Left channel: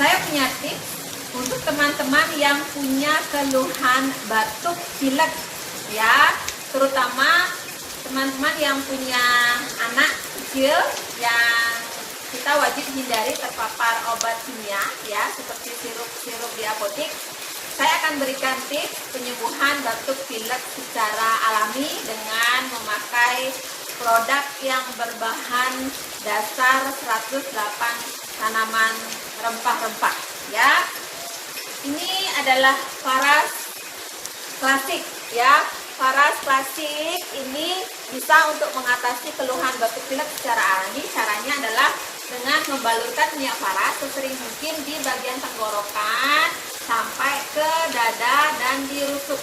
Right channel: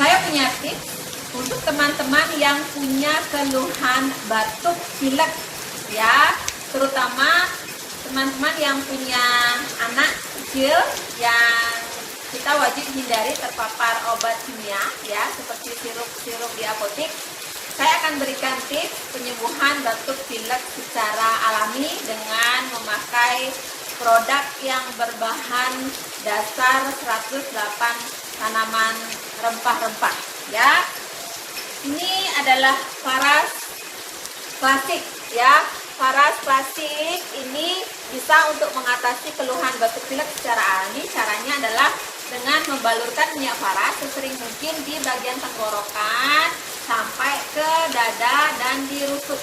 Saya punya tips untuk teman-teman yang punya keluhan batuk pilek ya, terutama teman-teman yang punya anak kecil yang kita wajib hindari terpapar obat kimia ya, seperti sirup-sirup di apotek. Saya akan berikan tips penyembuhan batuk pilek secara alami dengan memakai produk yang berbahan dasar 108 tanaman rempah-rempah ya. Ini adalah Faras klasik ya. Faras klasik ini bisa untuk mengatasi keluhan batuk pilek secara alami. Caranya adalah dengan membalurkan minyak faras sesering mungkin di bagian tenggorokan sampai ke dada dan di rusuk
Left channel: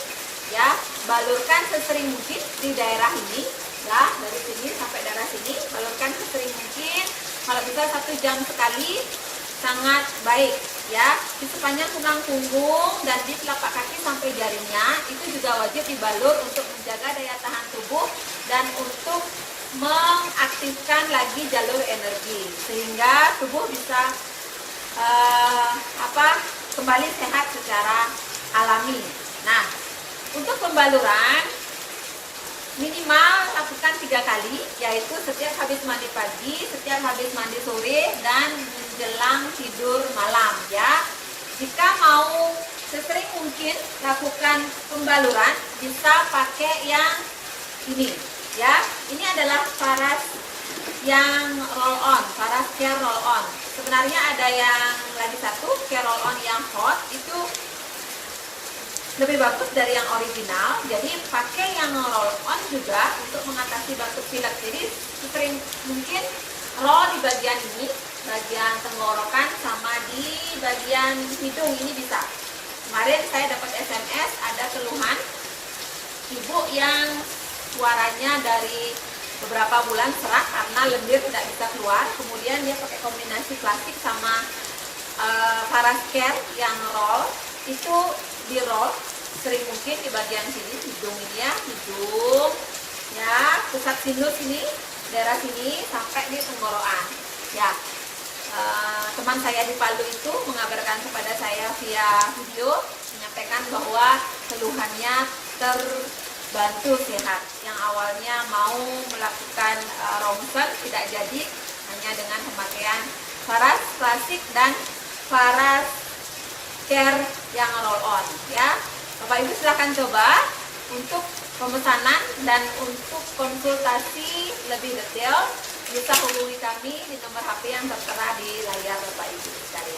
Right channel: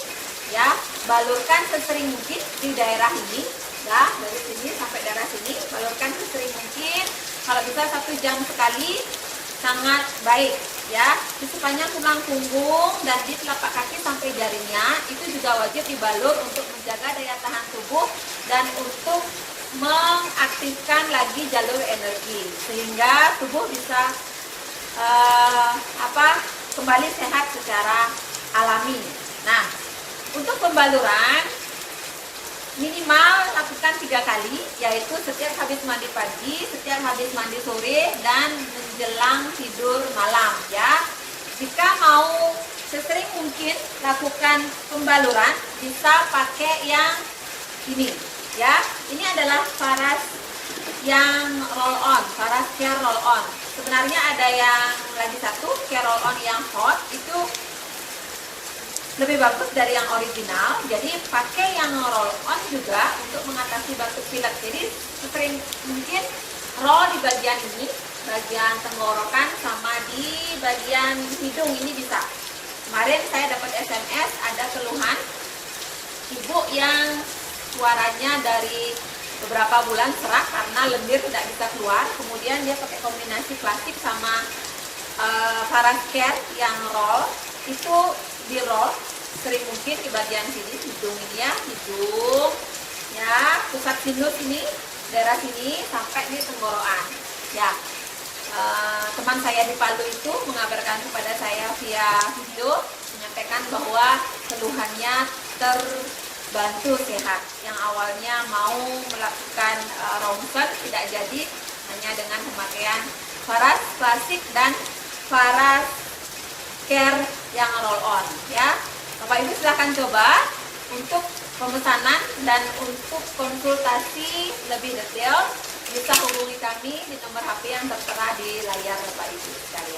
ya. Balurkan sesering mungkin di daerah ini ya, dari sini sampai daerah sini, balurkan sesering mungkin. Kalau bisa 1 jam sekali sangat baik ya. Di sepanjang tulang punggung dan di telapak kaki sampai jarinya itu juga wajib dibalur untuk menjaga daya tahan tubuh dan untuk mengaktifkan lagi jalur energi sehingga tubuh bisa kembali sehat secara alami. Nah, untuk pembaluran minimal lakukan 3 kali, yaitu setiap habis mandi pagi, setiap habis mandi sore, dan menjelang tidur malam ya. Jika mau sesering mungkin lakukan pembaluran, bisa pakai yang ini ya. Ini adalah Faras yang roll on, Faras Care Roll On. Sebenarnya ada yang lagi satu, Care Roll On yang hot, itu lebih bagus dari yang original. Jadi pakai yang roll on juga untuk mengatasi batuk pilek. Jadi sering mungkin roll di bagian ini, bagian tenggorokan sama di bagian hidung ini bisa. Kemarin saya dapat SMS ada keluhan ibu yang suaranya dari beberapa bulan serak karena lendir tidak bisa keluar. Kemudian dia pakai kombinasi klasik sama Faras Care yang roll, itu di roll sering mungkin di bagian sini hidung ini ya, hidung ya, pusat sinus ini, daerah sini sampai di tenggorokan ya. Teman saya di Palu itu mengabarkan kepada saya via video, menyampaikan bahwa keluhannya terbantu sehat. Yang awalnya mau melakukan ronsen tidak jadi, hanya dengan pemakaian Faras klasik dan Faras Care yang roll on ya. Bapak Ibu silahkan coba. Untuk pemesanan dan untuk konsultasi lebih detail bisa hubungi kami di nomor HP yang tertera di layar Bapak Ibu sekalian.